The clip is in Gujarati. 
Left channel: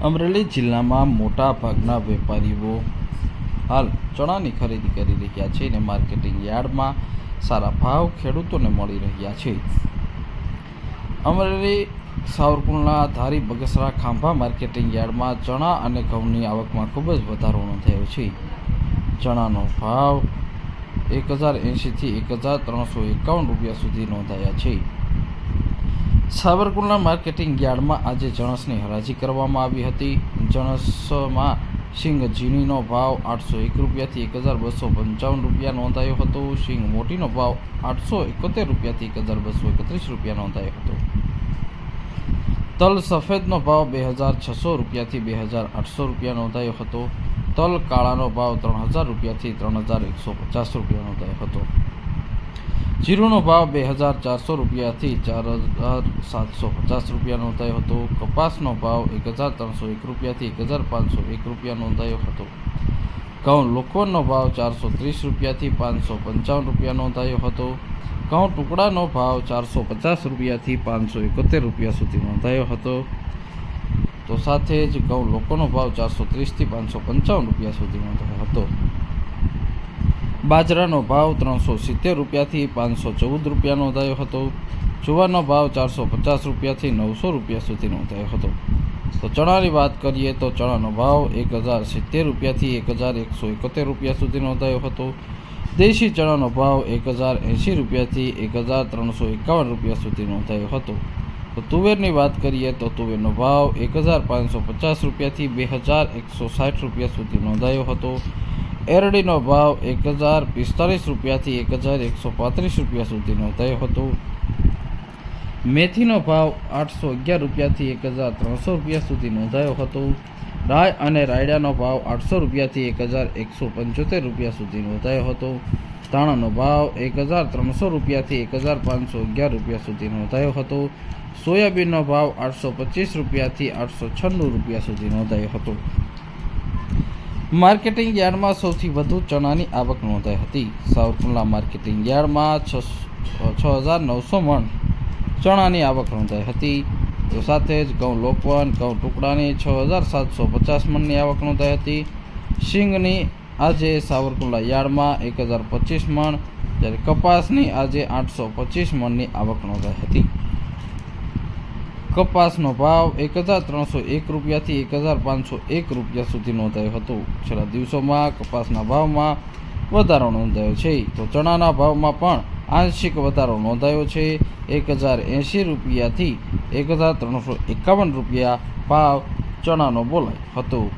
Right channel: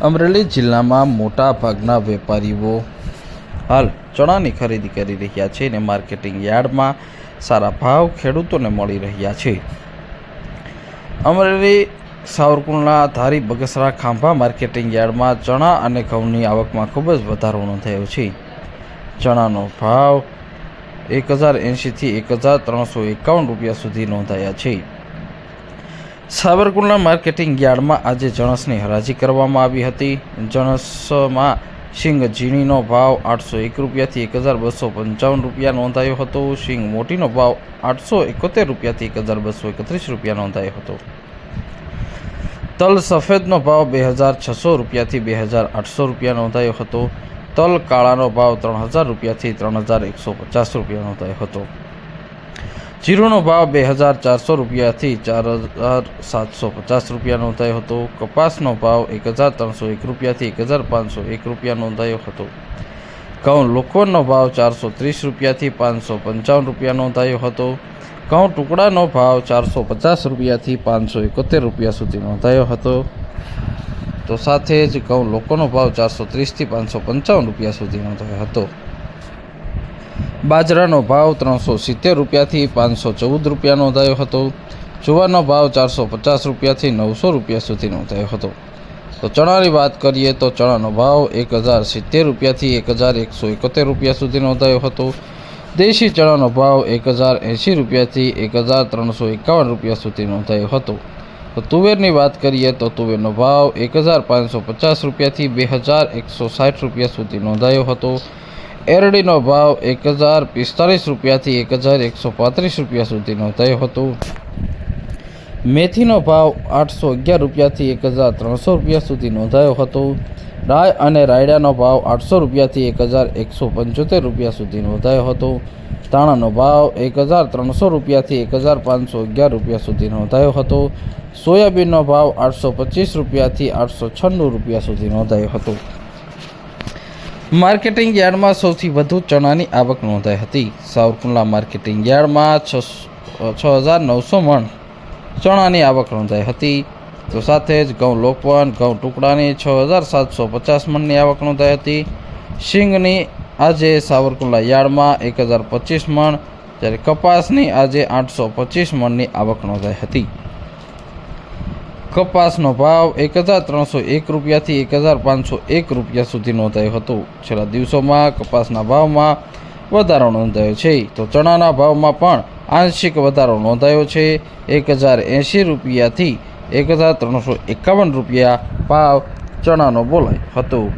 અમરેલી જિલ્લામાં મોટા ભાગના વેપારીઓ હાલ ચણાની ખરીદી કરી રહ્યા છે અને માર્કેટિંગ યાર્ડમાં સારા ભાવ ખેડૂતોને મળી રહ્યા છે। અમરેલી, સાવરકુંડલા, ધારી, બગસરા, ખાંભા માર્કેટિંગ યાર્ડમાં ચણા અને ઘઉંની આવકમાં ખૂબ જ વધારો નોંધાયો છે। ચણાનો ભાવ 1080 થી 1351 રૂપિયા સુધી નોંધાયા છે। સાવરકુંડલા માર્કેટિંગ યાર્ડમાં આજે જણસની હરાજી કરવામાં આવી હતી। જણસમાં શીંગ ઝીણીનો ભાવ 801 રૂપિયાથી 1255 રૂપિયા નોંધાયો હતો। શીંગ મોટીનો ભાવ 871 રૂપિયાથી 1231 રૂપિયા નોંધાયો હતો। તલ સફેદનો ભાવ 2600 રૂપિયાથી 2800 રૂપિયા નોંધાયો હતો। તલ કાળાનો ભાવ 3000 રૂપિયાથી 3150 રૂપિયા નોંધાયો હતો। જીરુનો ભાવ 2400 રૂપિયાથી 4750 રૂપિયા નોંધાયો હતો। કપાસનો ભાવ 1301 રૂપિયાથી 1501 રૂપિયા નોંધાયો હતો। ઘઉં લોકવનનો ભાવ 430 રૂપિયાથી 555 રૂપિયા નોંધાયો હતો। ઘઉં ટુકડાનો ભાવ 450 રૂપિયાથી 571 રૂપિયા સુધી નોંધાયો હતો। તો સાથે જ ઘઉં લોકોનો ભાવ 430થી 555 રૂપિયા સુધી નોંધાયો હતો। બાજરાનો ભાવ 370 રૂપિયાથી 514 રૂપિયા નોંધાયો હતો। જુવારનો ભાવ 450 રૂપિયાથી 900 રૂપિયા સુધી નોંધાયો હતો। તો ચણાની વાત કરીએ તો ચણાનો ભાવ 1070 રૂપિયાથી 1171 રૂપિયા સુધી નોંધાયો હતો। દેશી ચણાનો ભાવ 1080 રૂપિયાથી 1351 રૂપિયા સુધી નોંધાયો હતો। તો તુવેરની વાત કરીએ તો તુવેરનો ભાવ 1550 રૂપિયાથી 2160 રૂપિયા સુધી નોંધાયો હતો। એરડીનો ભાવ 1045 રૂપિયાથી 1135 રૂપિયા સુધી નોંધાયો હતો। મેથીનો ભાવ 811 રૂપિયાથી 1300 રૂપિયા સુધી નોંધાયો હતો। રાય અને રાયડાનો ભાવ 800 રૂપિયાથી 1175 રૂપિયા સુધી નોંધાયો હતો। ધાણાનો ભાવ 1300 રૂપિયાથી 1511 રૂપિયા સુધી નોંધાયો હતો। સોયાબીનનો ભાવ 825 રૂપિયાથી 896 રૂપિયા સુધી નોંધાયો હતો। માર્કેટિંગ યાર્ડમાં સૌથી વધુ ચણાની આવક નોંધાઈ હતી। સાવરકુંડલા માર્કેટિંગ યાર્ડમાં 6900 મણ ચણાની આવક નોંધાઈ હતી। તો સાથે જ ઘઉં લોકવન, ઘઉં ટુકડાની 6750 મણની આવક નોંધાઈ હતી। શીંગની આજે સાવરકુંડલા યાર્ડમાં 1025 મણ, જ્યારે કપાસની આજે 825 મણની આવક નોંધાઈ હતી। કપાસનો ભાવ 1301 રૂપિયાથી 1501 રૂપિયા સુધી નોંધાયો હતો। છેલ્લા દિવસોમાં કપાસના ભાવમાં વધારો નોંધાયો છે। તો ચણાના ભાવમાં પણ આંશિક વધારો નોંધાયો છે। 1080 રૂપિયાથી 1351 રૂપિયા ભાવ ચણાનો બોલાયો હતો।